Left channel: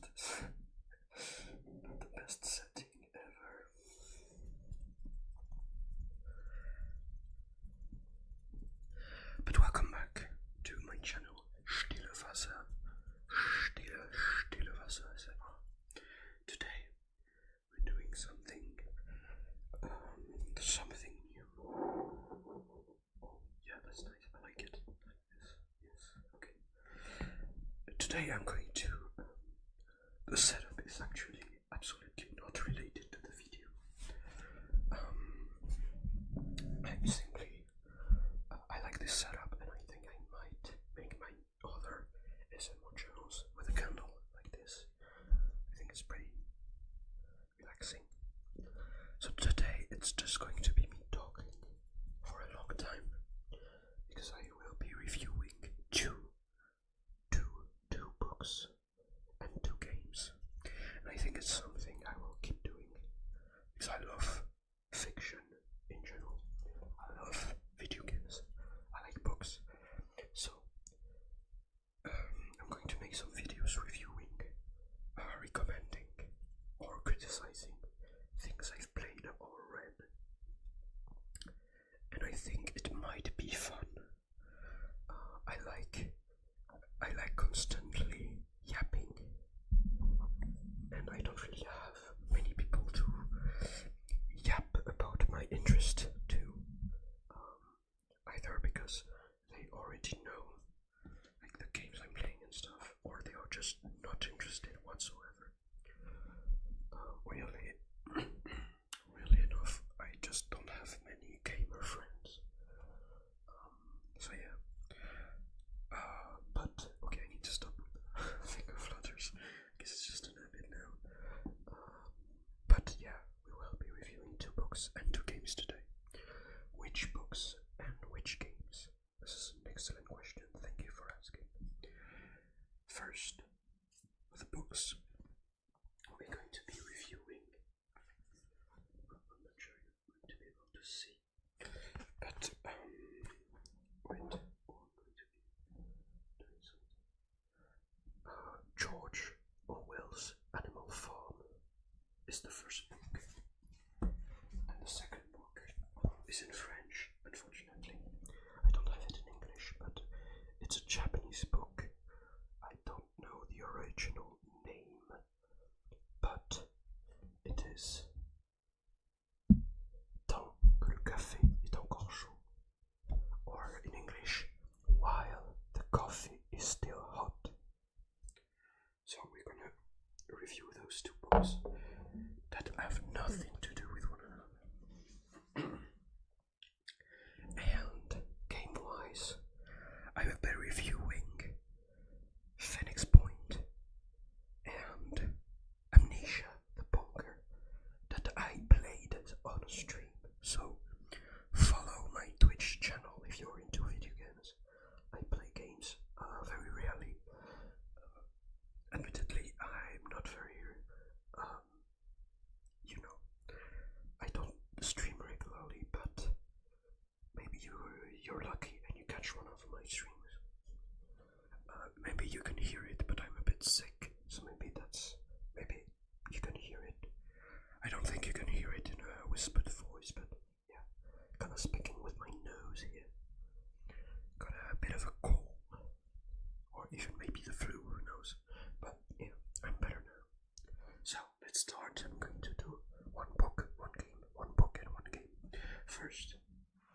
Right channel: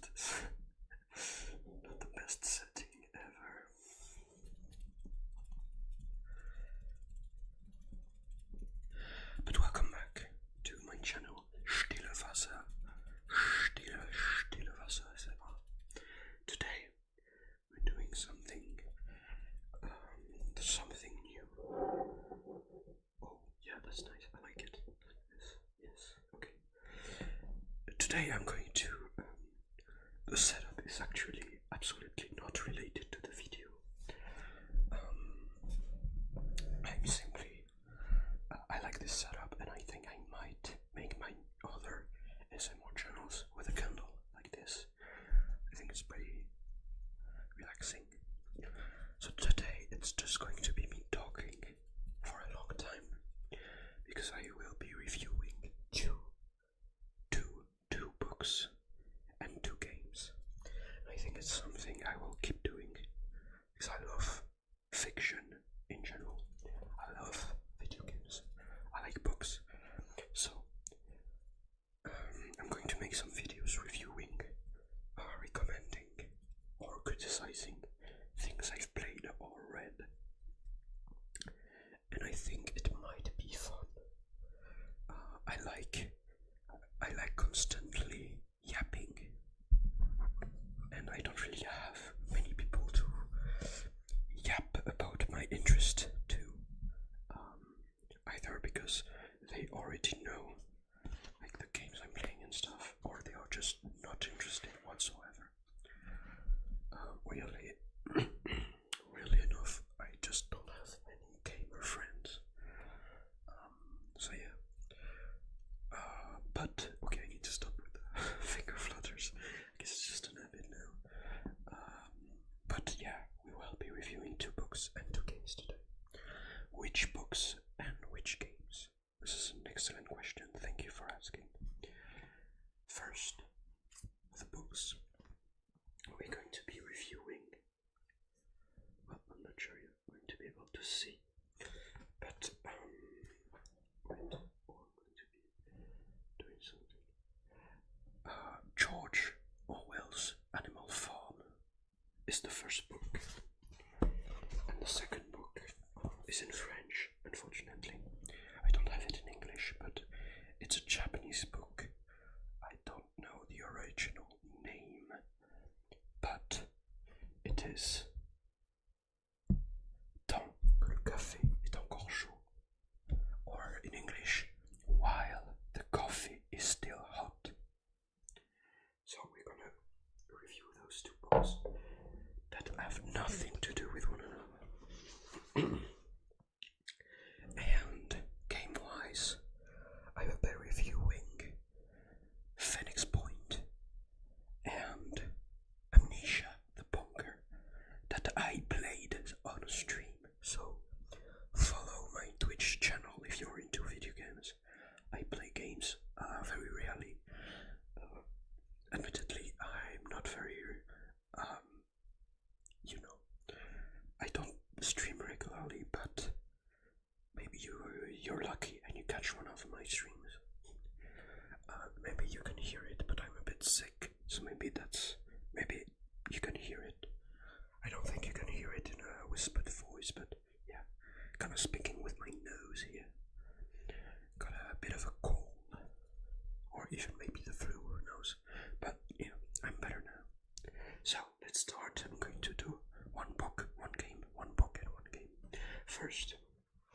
not the best setting ever. But welcome back to my channel, Stille Wasser. Stille Wasser, Today we're doing something new. Oh, yeah, that's nice. I like it. Yes, okay. Today I'm going to. The setup is actually absolutely not related to the video. I'm simply. I like this setup, and I think I might make my other SMR channels with a candle like this. I think it's pretty relaxing. So today it's just going to be me talking for a long time because I will be reviewing two books and 2 games. And I think it's something I will keep doing because I love fiction in general. I love video games. I like books. So I'm going to make some videos reviewing, recommending, or criticizing things I've played or read. And I think it might be fun. I like constantly yapping, and I don't really have many people to yap about my interest to, either because they already know like the games I'm playing and stuff, or they are just not interested whatsoever. Really enough, I just don't have many gamer friends. So yeah. But okay, I need to stop with the finger flutters. I guess it's just an habit now. But yeah, we will be reviewing 2 books and 2 games today. Which books and which games? This is an excellent question. Thank you for asking. First, the books we're going to be reviewing. Well, I'm not sure you're going to be able to see, but wait. Oh, I'm going to be doing something. George Orwell's Animal Farm is the first book, and the second book is in French, unfortunately. I don't have it in English, but it's a Japanese book. I don't know the original name, but it is Tant que le café est encore chaud, or in English, While the Coffee is Still Hot. So we're gonna review those 2 books that have nothing to do with one another. And game-wise, I will be reviewing Phoenix Point and Amnesia, the bunker, that I played on a stream. So follow my Twitch channel if you're into video games. I play games very rarely. Admittedly, I'm not very, I don't stream regularly, but maybe you're lucky and you catch one of my streams. Maybe you can hear it, but I'm a bit sick, so maybe you can hear it. I don't think you can hear it in a whispered voice, but yeah, kind of speaking with my nose here. Got a bit of a cold, or even maybe the flu, who knows. But yeah, I'm better now. So let's start. I'm going to do 1 book, 1 game, 1 book and 1 game. First,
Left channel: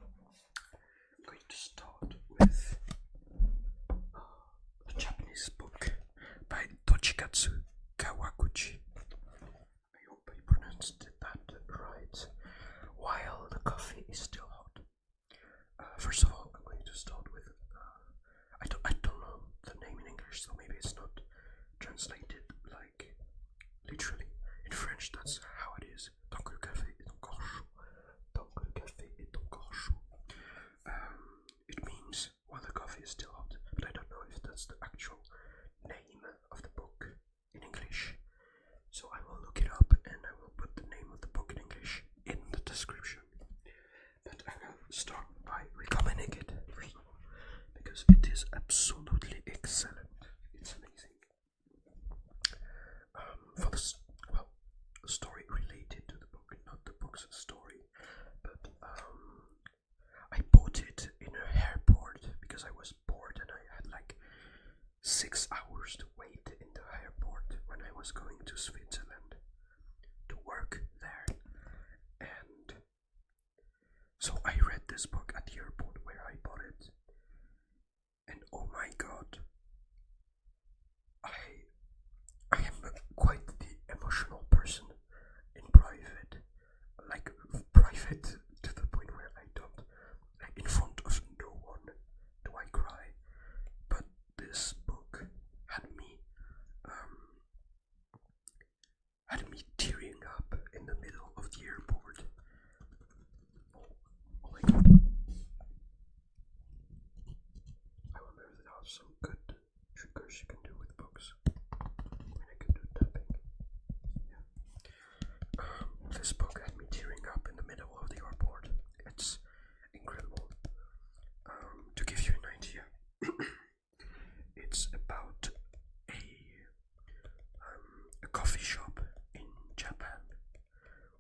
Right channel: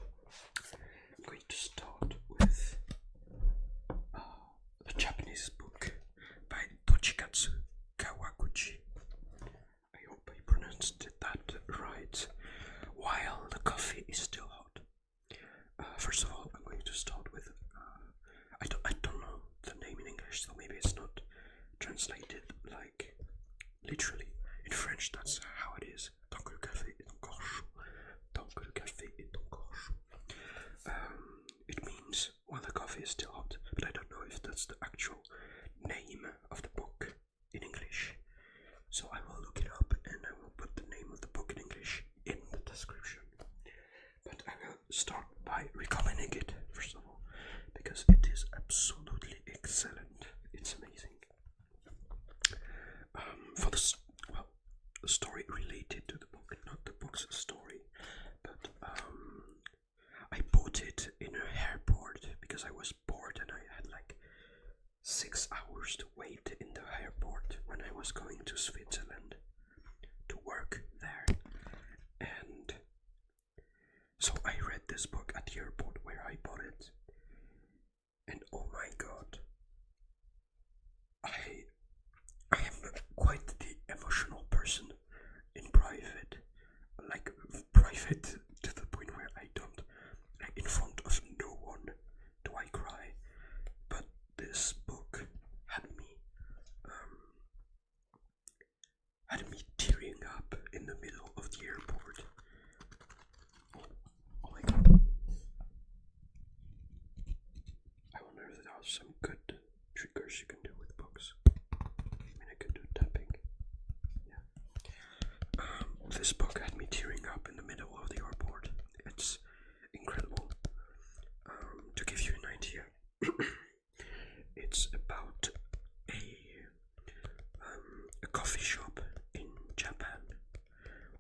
I'm going to start with the Japanese book by Toshikazu Kawaguchi. I hope I pronounced that right. While the Coffee is Still Hot. First of all, I'm going to start with I don't know the name in English, so maybe it's not translated like literally. In French, that's how it is. Tant que le café est encore chaud. Tant que le café est encore chaud. It means while the coffee is still hot, but I don't know if that's the actual name of the book in English. So I will look it up and I will put the name of the book in English in the description. But I will start by recommending it, first of all, because it is absolutely excellent. It's amazing. 6 hours to wait in the airport when I was going to Switzerland to work there. And so I read this book at the airport where I bought it. And oh my god, I am quite the emotional person in private. Like, private to the point where I don't, like, in front of no one do I cry. But this book had me tearing up in the middle of the airport. Oh my god. I wonder if there are some good triggers you can do with books. I mean, I could do tapping. Yeah. This book had me tearing up in the middle of the airport. It's incredible. To give you an idea, it's about a coffee shop in Japan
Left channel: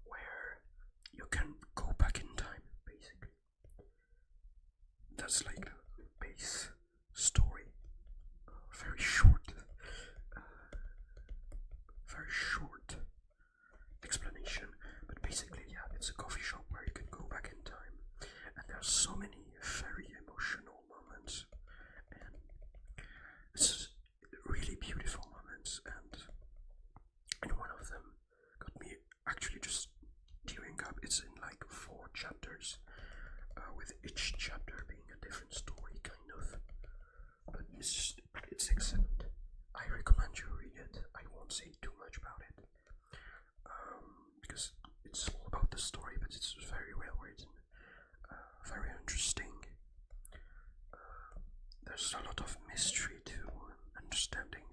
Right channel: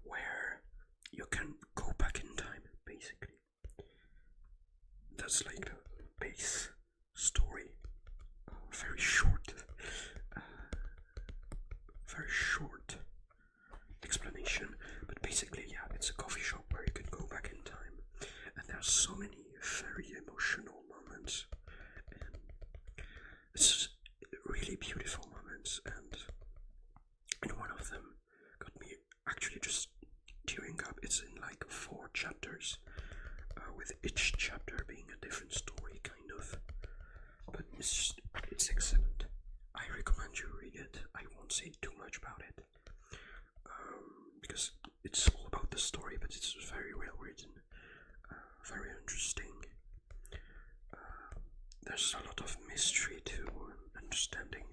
where you can go back in time, basically. That's like the base story. Very short explanation, but basically, yeah, it's a coffee shop where you can go back in time, and there are so many very emotional moments, and it's really beautiful moments, and one of them got me actually just tearing up. It's in like 4 chapters, with each chapter being a different story, kind of, but it's excellent. I recommend you read it. I won't say too much about it, because it's all about the story, but it's very well written, very interesting. There's a lot of mystery to understanding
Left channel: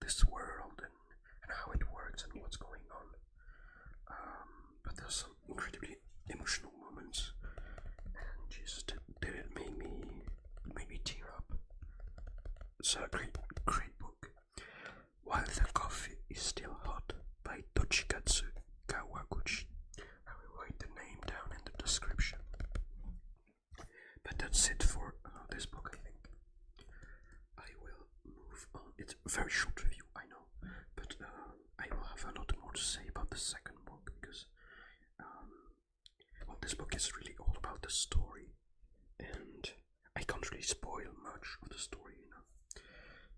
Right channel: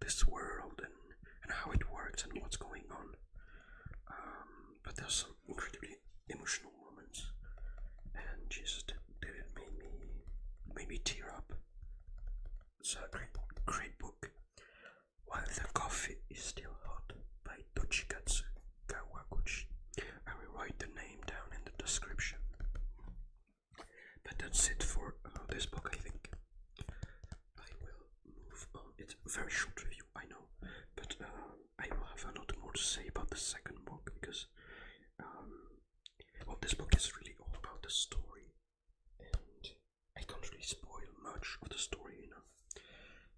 this world and how it works and what's going on. But there's some incredibly emotional moments, and Jesus, did it made me tear up. It's a great book. While the Coffee is Still Hot by Toshikazu Kawaguchi. I will write the name down in the description. But that's it for this book, I think. I will move on. It's a very short review, I know, but I will have a lot more to say about the second book, because well, this book is really all about the story, and I can't really spoil much of the story,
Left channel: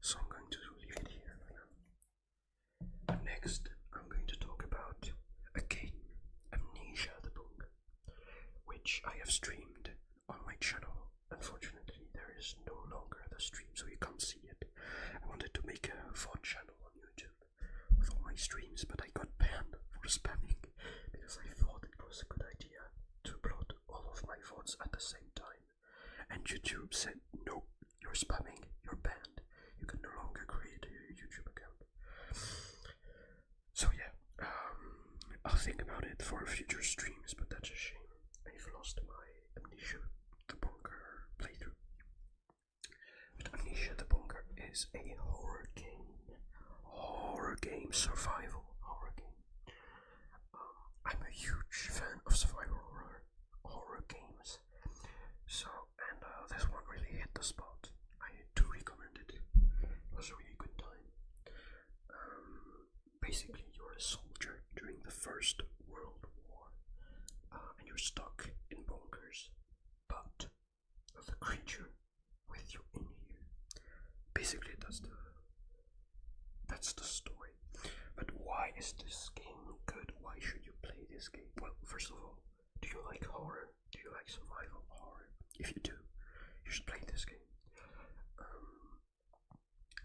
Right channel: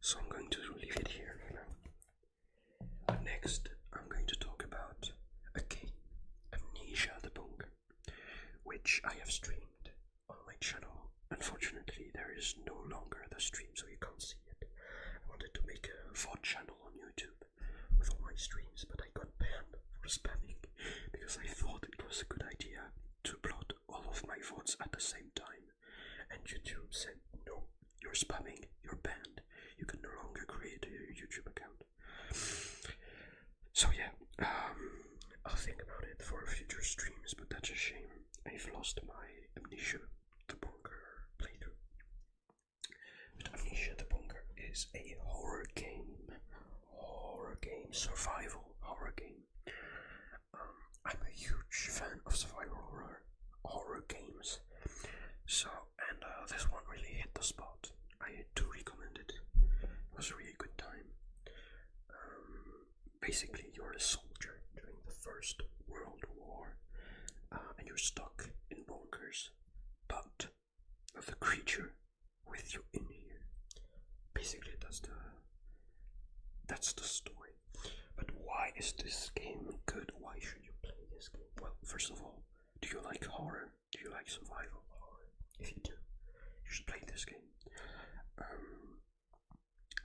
so I'm going to leave it here for now. Next, I'm going to talk about a game, Amnesia the Bunker, which I have streamed on my channel. Unfortunately, there is no longer the stream, so you can't see it. I wanted to make a VOD channel on YouTube with all my streams, but I got banned for spamming because I thought it was a good idea to upload all of my VODs at the same time. And YouTube said, no, you're spamming, you're banned. You can no longer create a YouTube account. So yeah, I'll think about it for future streams, but that's a shame. I've lost my Amnesia the Bunker playthrough. But Amnesia the Bunker is a horror game, survival horror game. I'm a huge fan of survival horror games. So, and this one really hit the spot. I do recommend it. It was a really good time. Basically, you're a soldier during the First World War, and you're stuck in bunkers, but the creature with you in here. Basically, that's the story. But why is this game good? Why should you play this game? Well, first of all, do you like horror? Do you like survival horror? If you do, you should play this game.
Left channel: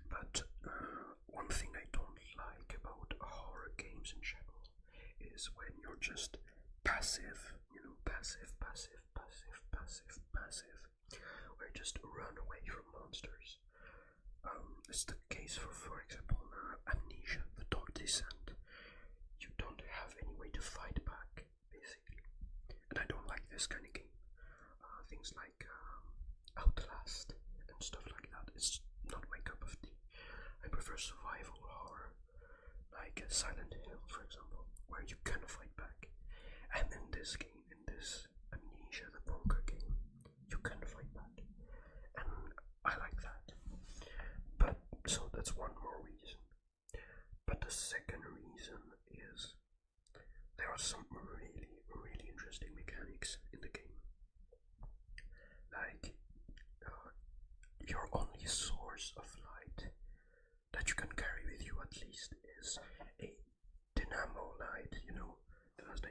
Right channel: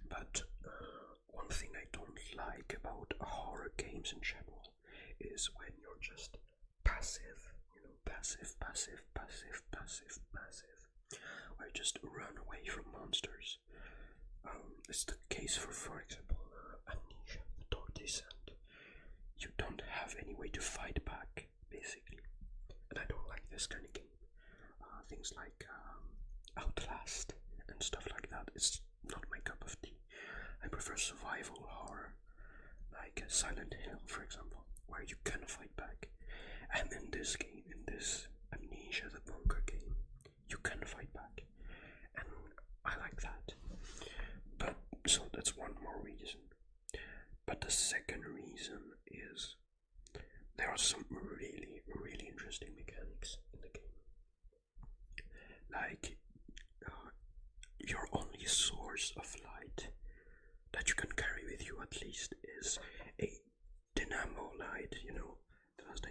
But one thing I don't like about horror games in general is when you're just passive, passive, where you just run away from monsters. It's the case for example, Amnesia, The Dark Descent. You don't have any way to fight back, basically. And I don't like this kind of game. Things like Outlast and stuff like that. It's not my cup of tea. I prefer survival horror, like Silent Hill, for example, where you can fight back. And in this game, in this Amnesia the Bunker game, you can fight back. And I like that. But the second reason is there are some really, really interesting mechanics in the game. Like, your only source of light that you can carry with you at least is a dynamo light, you know, that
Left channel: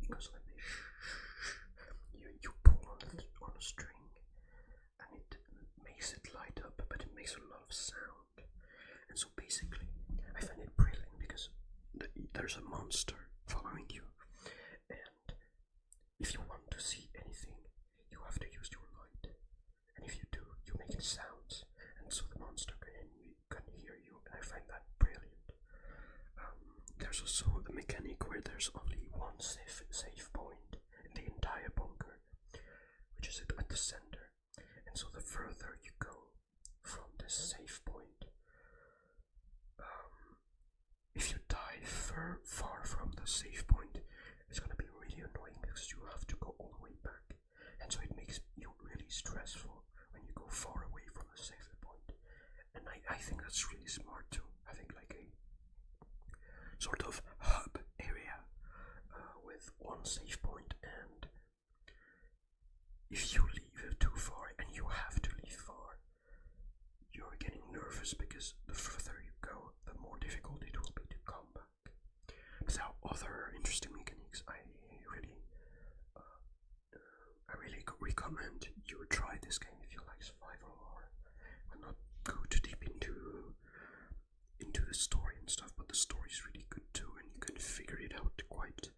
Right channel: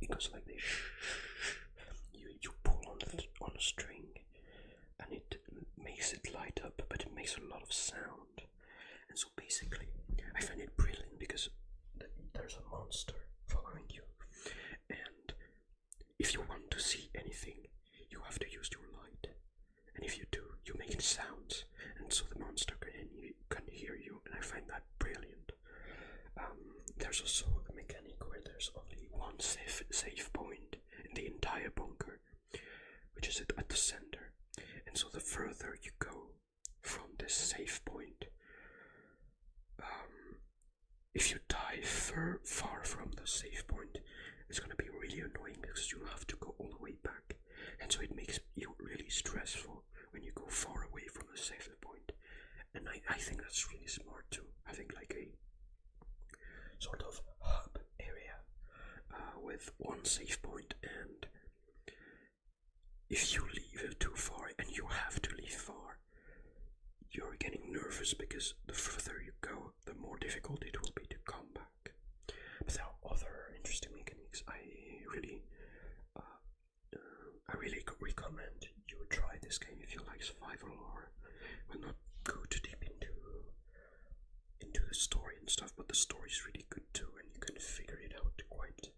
it goes like this. You pull on a string, and it makes it light up, but it makes a lot of sound. And so basically, I find it brilliant because there's a monster following you, and if you want to see anything, you have to use your light. And if you do, you make sounds, and so the monster can hear you, and I find that brilliant. There's also a mechanic where there's only one safe point in the entire bunker, which is at the center. And so the further you go from this safe point, if you die far from the safe point, it's gonna be really annoying because you have to go all the way back. And so it makes you really stressful when you go far away from the safe point. And I think that's really smart too. I think like a sort of hub area with one safe point, and if you leave too far, and you have to leave far, you're getting nervous because the further you go, the more difficult it will be to come back. But there are other interesting mechanics. I really recommend you try this game if you like survival horror. We'll not go too deep into the story and stuff, but the story is really good too, and you can figure it out quite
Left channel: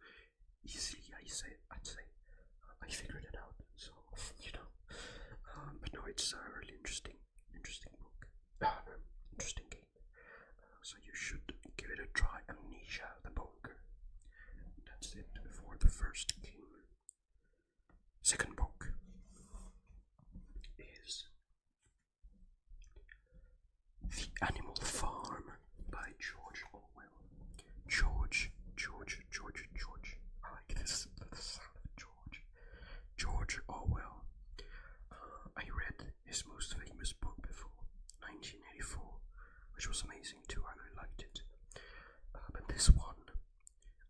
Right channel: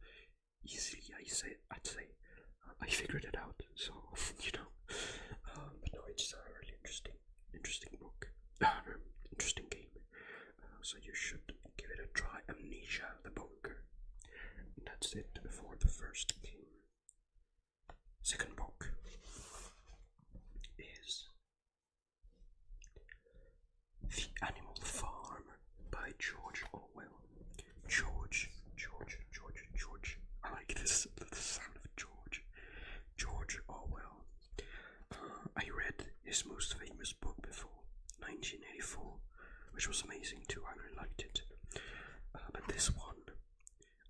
easily. I'd say I figured it out, so but no, it's a really interesting book, interesting game. So you should give it a try. Amnesia, the bunker. And that's it for the first game. Second book is The Animal Farm by George Orwell. George. I like this, the sound of George. George Orwell. I read his most famous book before, 1984, which was amazing too. I really liked it. But this one,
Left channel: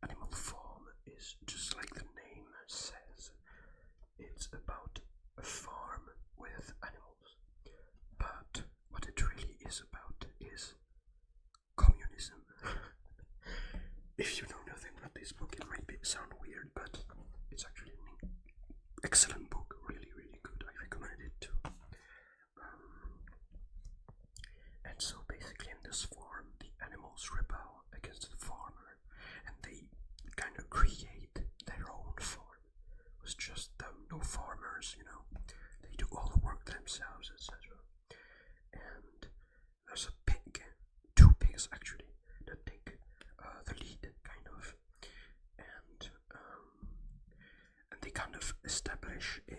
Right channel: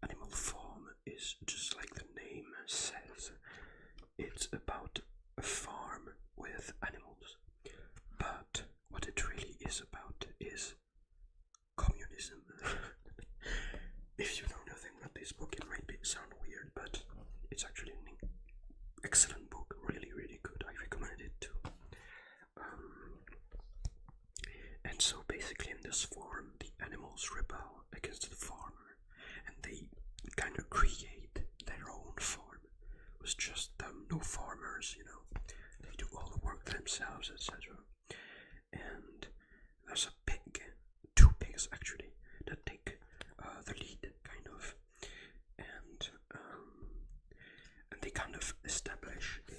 Animal Farm, is just like the name says. It's about a farm with animals. But what it really is about is communism. If you know nothing about this book, it might sound weird, but it's actually an excellent book. Really, really good. I recommend it too. And so basically in this farm, the animals rebel against the farmer, and they kind of create their own farm. It was just them, no farmers, you know. They do all the work themselves, etc. And there's a pig, two pigs actually, that take the lead, kind of, and they kind of establish a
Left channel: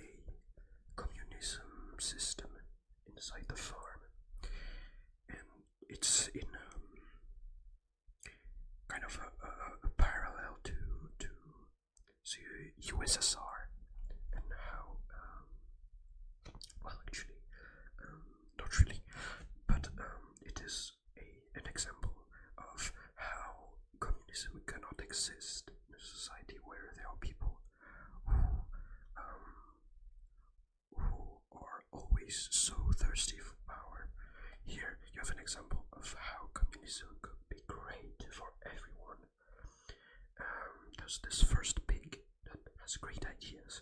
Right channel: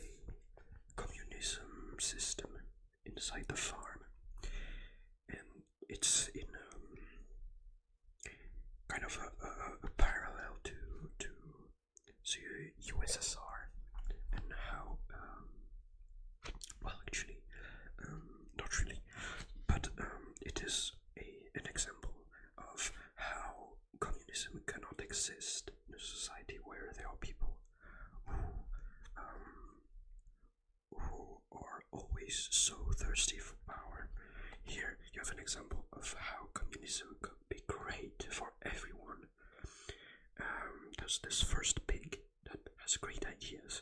communism system inside the farm, and it's in kind of a parallel to USSR, and how well, actually, not really, but it is an example of how communism cannot exist in a society where there are people who are always so thirsty for power. Here you have an example of how communism could be great for everyone. There's this first pig that has great ideas,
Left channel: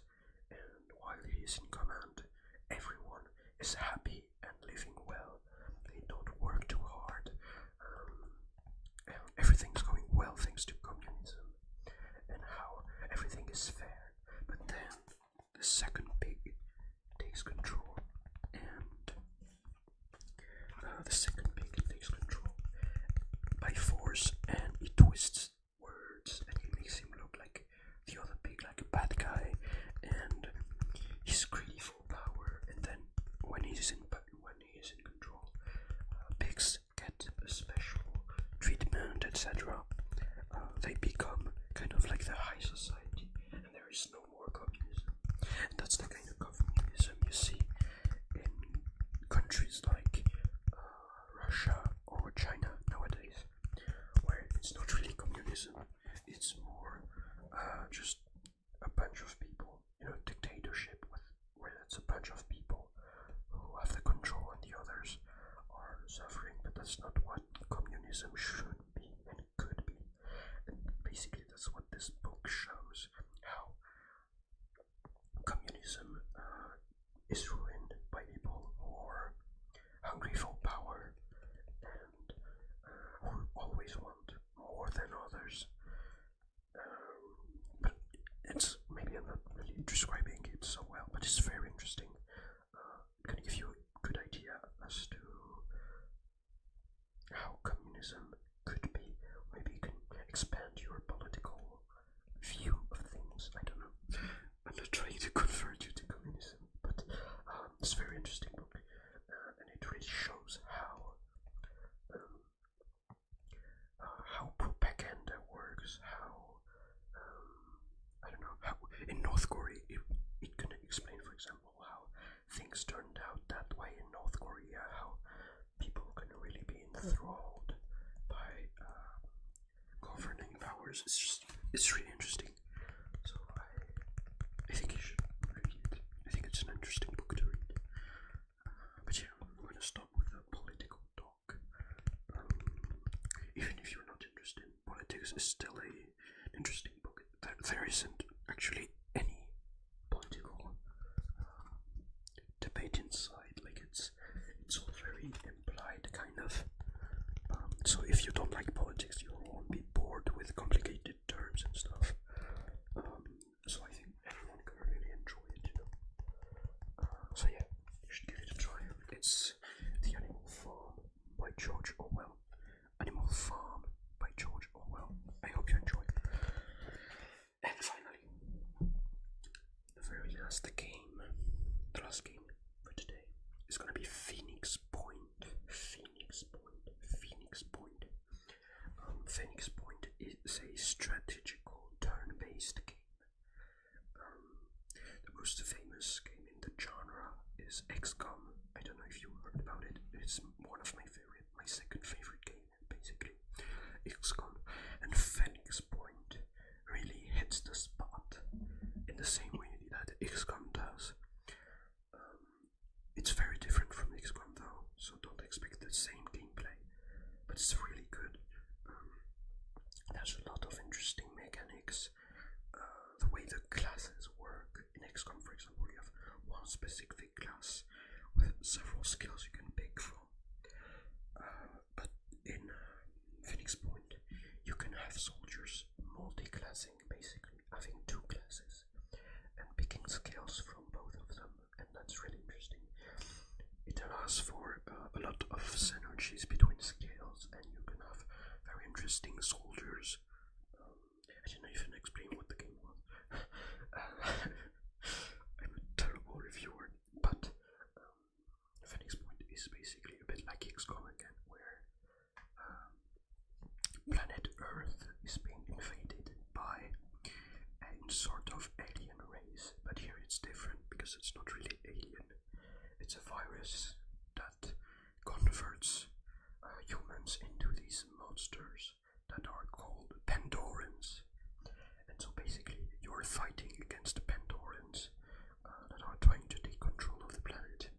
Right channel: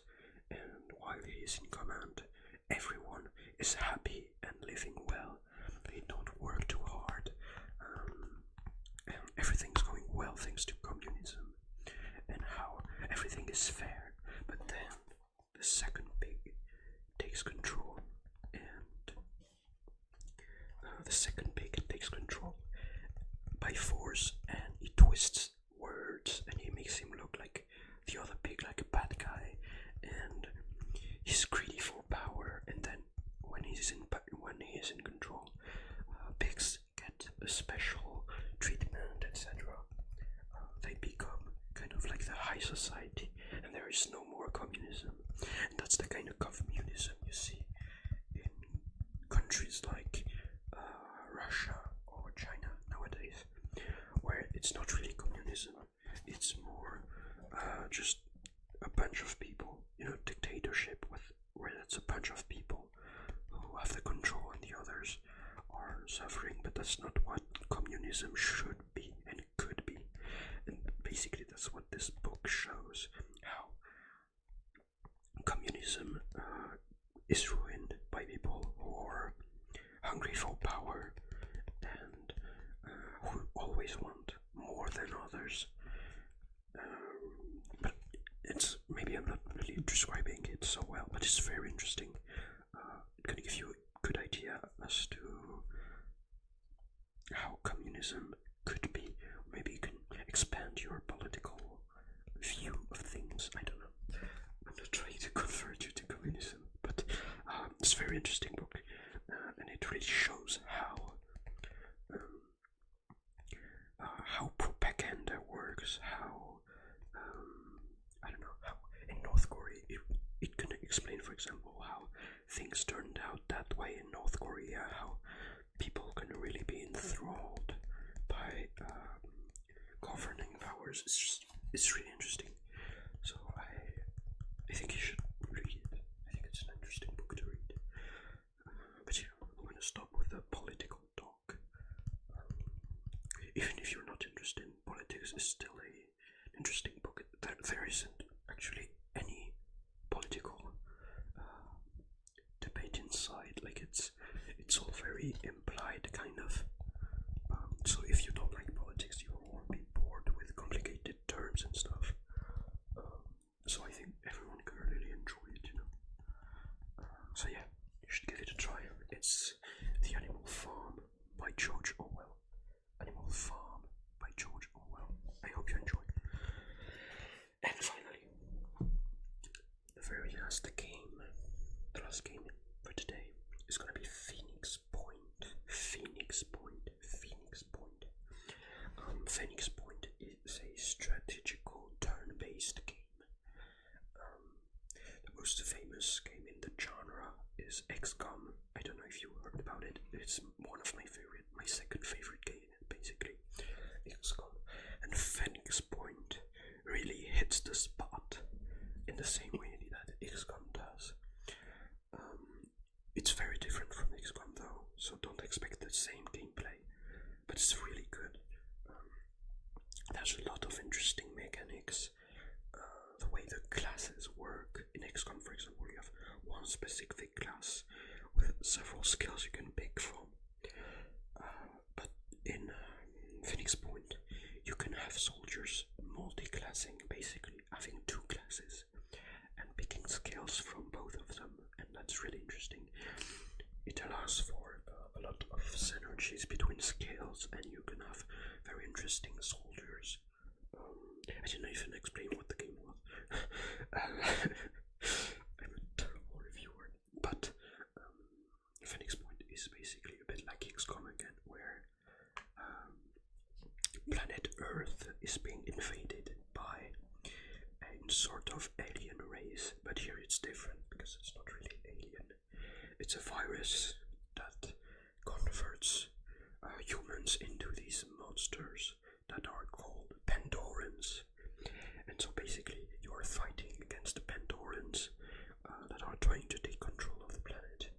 and while he is in command, everyone is happy and living well. They don't work too hard, and everything's going well thanks to communism, and how everything is fair. But then the second pig takes control, and the second pig takes control by force, and he twists words, and he makes him look like the other pig, like a bad guy, and he's greedy for power. And then when he is in control, pigs get a special treatment, etc. They become kind of like the high society, and there is no more communism. And that's the kind of communism you see in bunch of people, dictatorship where it's a bunch of people who have the control and the others are suffering, but that's not what communism should be and could be. And basically that's what this book shows, how communism is ruined by people who are hungry for power and who always want more than others. But it's maybe I'm not really describing it so well, but it's very interesting. It can give you a good idea as to how communism could be. Maybe you can expand your political view of things. I don't know. I'm not trying to convert you to communism, but it's a very interesting book, and it really shows how propaganda works. How I don't know, how in North Korea it can explain, for example, how things turned out that way in North Korea. How people can really be enthralled by governing powers. It's really interesting. So I think you should read it. I think it's an interesting book to read. But yeah, I'm gonna stop with the political talk. Even if you're not interested in politics, it's still an interesting book. There isn't actually any political debate inside. Like it's all very implied, kind of. So if you don't like politics, you won't be bored with complicated terms and stuff. So I think everyone can really enjoy it, So yeah, you should give it a try. It's The Animal Farm by George Orwell. Animal Farm by George Orwell. I hope you enjoy. And finally, the very last game, the last game for today is gonna be Phoenix Point. Phoenix Point. Phoenix Point. Phoenix Point is a strategical turn-based game. The most famous game in the genre is XCOM. I don't know if you heard about it. It's one of my second favorite game, basically. XCOM. And Phoenix Point really hits the spot in the same way that XCOM does. It's very different from XCOM though, so don't expect the same gameplay, but it's really good. There's a lot of interesting mechanics. The way the classes work. In XCOM, for example, you have one specific class with several skills you can pick from. But in Phoenix Point, you can have soldiers multi-classing, basically having two classes and picking skills from both of them, and that's really interesting. It allows for a lot of synergies between skills, and you can have very interesting soldiers. I didn't even explain what the game was. I'm a terrible reviewer, but Phoenix Point is basically a bit like XCOM again, where planet Earth is being invaded by a sort of alien race, but here it's different because it's not really alien. It's a virus that converts humans into these monsters that are called Pandorans. And so basically you're fighting against the Pandorans that are trying to take control of the planet.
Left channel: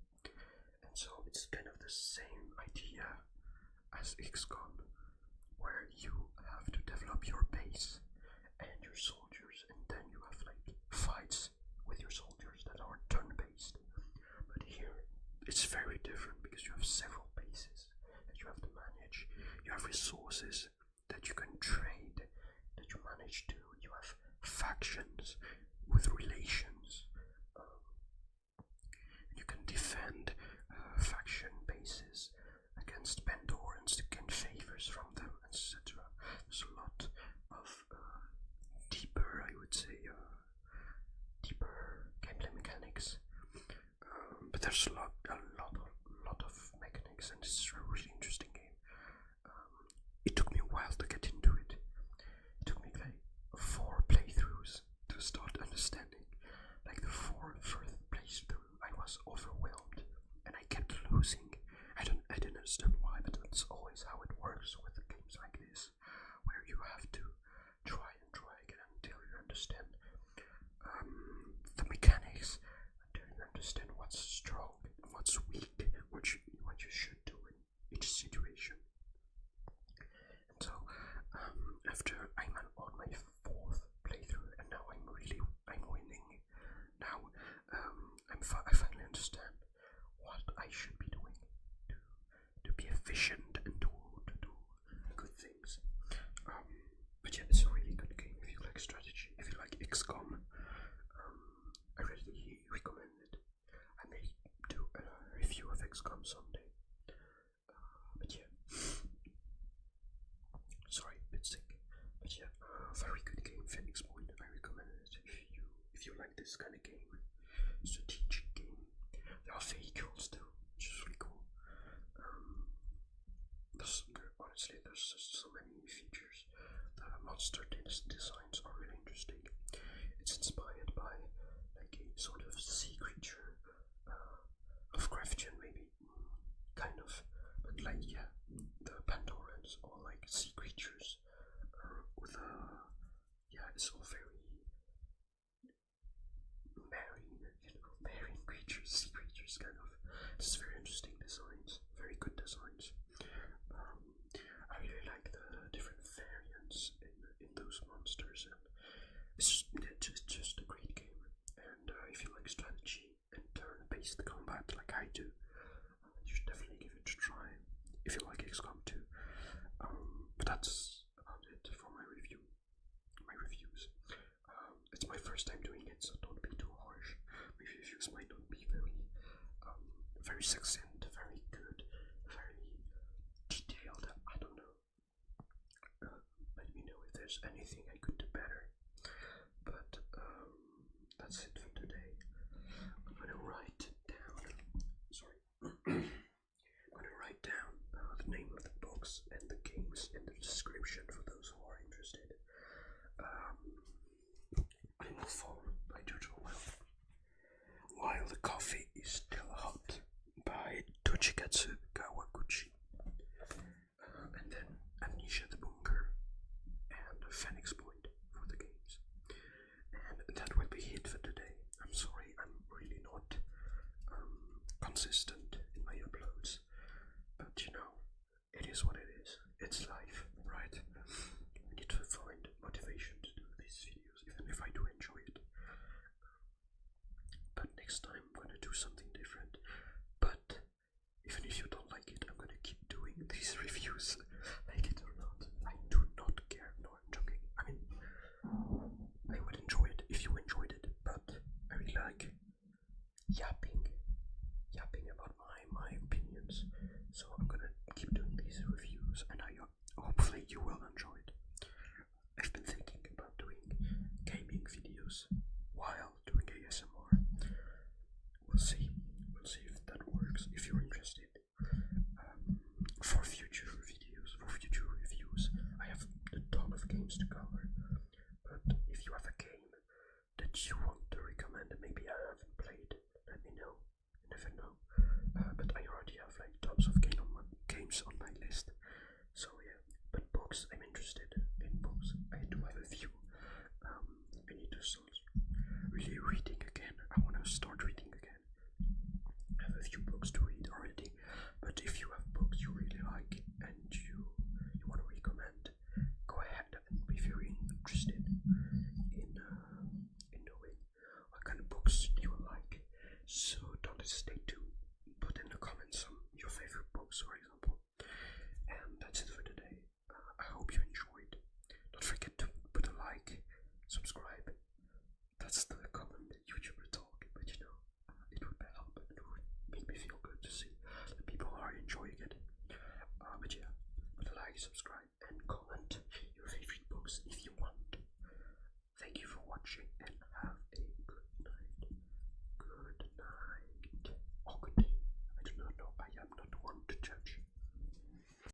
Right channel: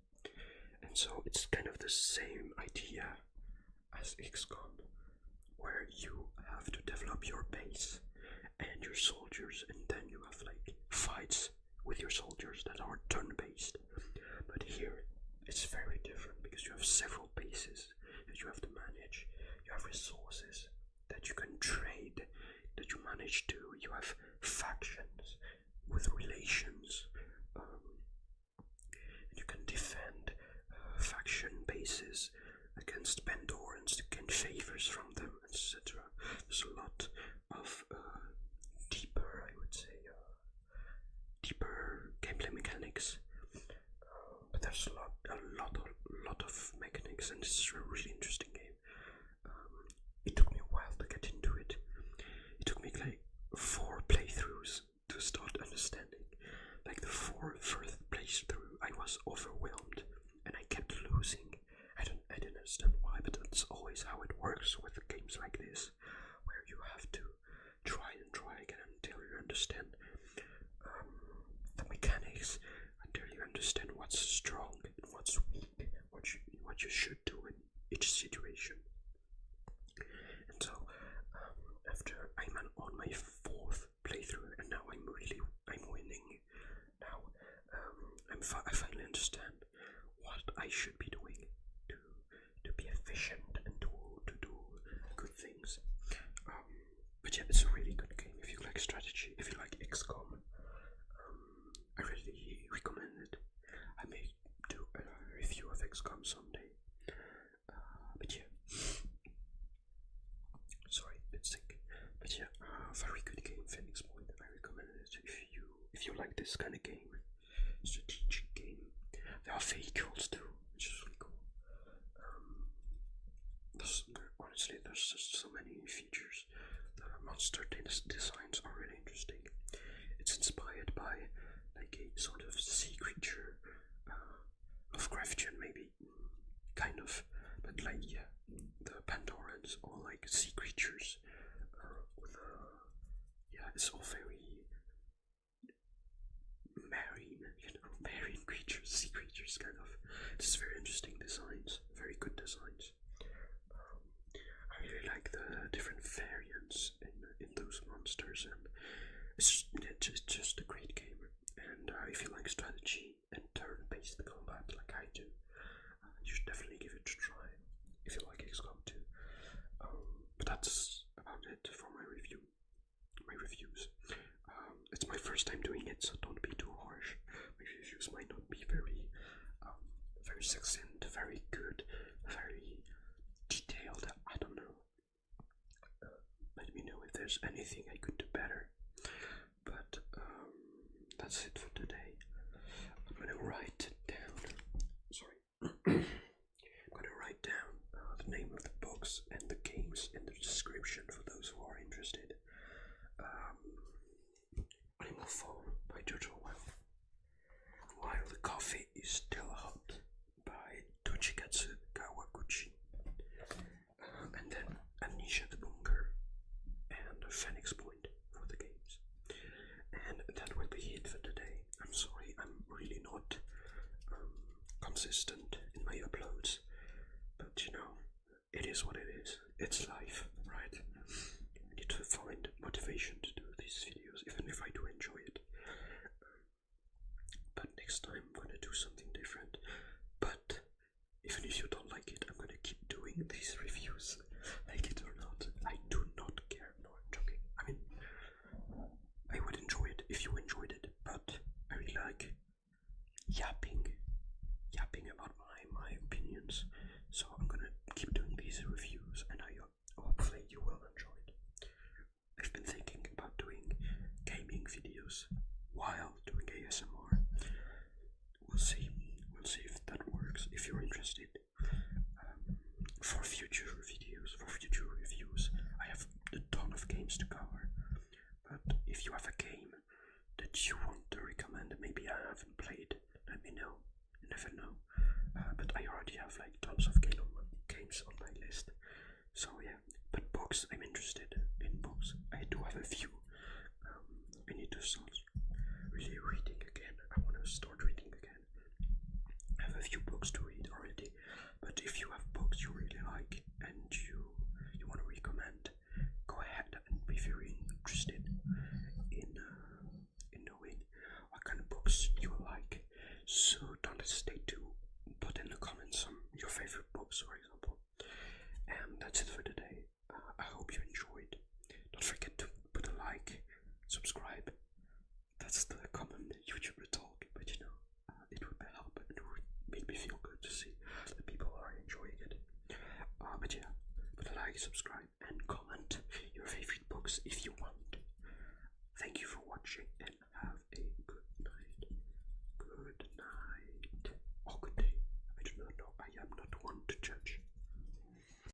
And so it's kind of the same idea as XCOM, where you have to develop your base and your soldiers, and then you have like fights with your soldiers that are turn-based. But here it's very different because you have several bases that you have to manage. You have resources that you can trade, that you manage to. You have factions with relations. And you can defend faction bases against Pandorans to gain favors from them, etc. There's a lot of deeper, I would say, deeper gameplay mechanics. But there's a lot of mechanics, and it's a really interesting game. It took me a while to get into it. It took me like 4 playthroughs to start understanding. Like the 4th playthrough, I was overwhelmed, and I kept losing. I didn't understand why, but that's always how it works with games like this, where you have to try and try again until you understand. XCOM someday. But yeah, sorry, a bit sick. But yeah, very good game, Phoenix Point. I recommend it if you like this kind of game, strategic game. There are vehicles too, which is really cool. There's just so many features. The monster designs are really interesting. It's inspired by like a sort of sea creature, Lovecraftian maybe, kind of, but like yeah, the Pandorans or like sea creatures, with yeah, it's all very marine, marine creatures, sea creatures, kind of. It's very interesting designs, very good designs. I really like the different variants in those monsters, and it's just a great game. And if you like strategy and turn-based combat like I do, you should definitely give it a try. If you like XCOM too. But that's about it for my reviews. It's my first time doing it, so don't be too harsh. My reviews might not be very succinct, very good, very detailed. I don't know. Let me know if there's anything I could do better. But that's it for today. I'm gonna write down. Sorry. I'm gonna write down the name of the books and the games in the description for those who are interested. Animal Farm by George Orwell. While the Coffee is Still Hot by Toshikazu Kawaguchi. And then Amnesia the Bunker and Phoenix Point for the games. And that will be it for today. I'm sorry, I'm really not consistent in my uploads, but you know, it is what it is. It's life, right? I need to find motivation to do these videos, even if I do enjoy it. But next time I'm gonna do something different. But even if you don't like it, I'm gonna keep doing these reviews, like it or not. I do not care. No, I'm joking. I mean, I would enjoy it if you enjoyed it, but I really like yapping about my opinions. So I'm gonna keep doing these reviews, and hopefully you will enjoy it. I've been thinking about doing gaming videos while doing ASMR. We'll see if that works. If you're interested, for future videos, for future reviews, I have a ton of games to cover. But if you have a game that you want to recommend, maybe I haven't played, let me know. You never know. But I already have like tons of games on my list. So yeah, but books, I'm interested in books. I do have a few. I need to start really reading again. I want to start reading again. I have a few books to read already, but if you have books you really like and you want to recommend, go ahead and be very interested in knowing what kind of books you like. So don't hesitate to put in the comments some your favorite books, for example. And that's it for today. I hope you enjoyed. Don't forget to put a like, subscribe. That's the common YouTuber talk, but you know, it would help and it would make me feel good to see that people are enjoying it. But yeah, put a like, subscribe, and comment your favorite books if you want. Thank you for watching and have a good night. Good night. Or good day. I do not know. I am not one to judge.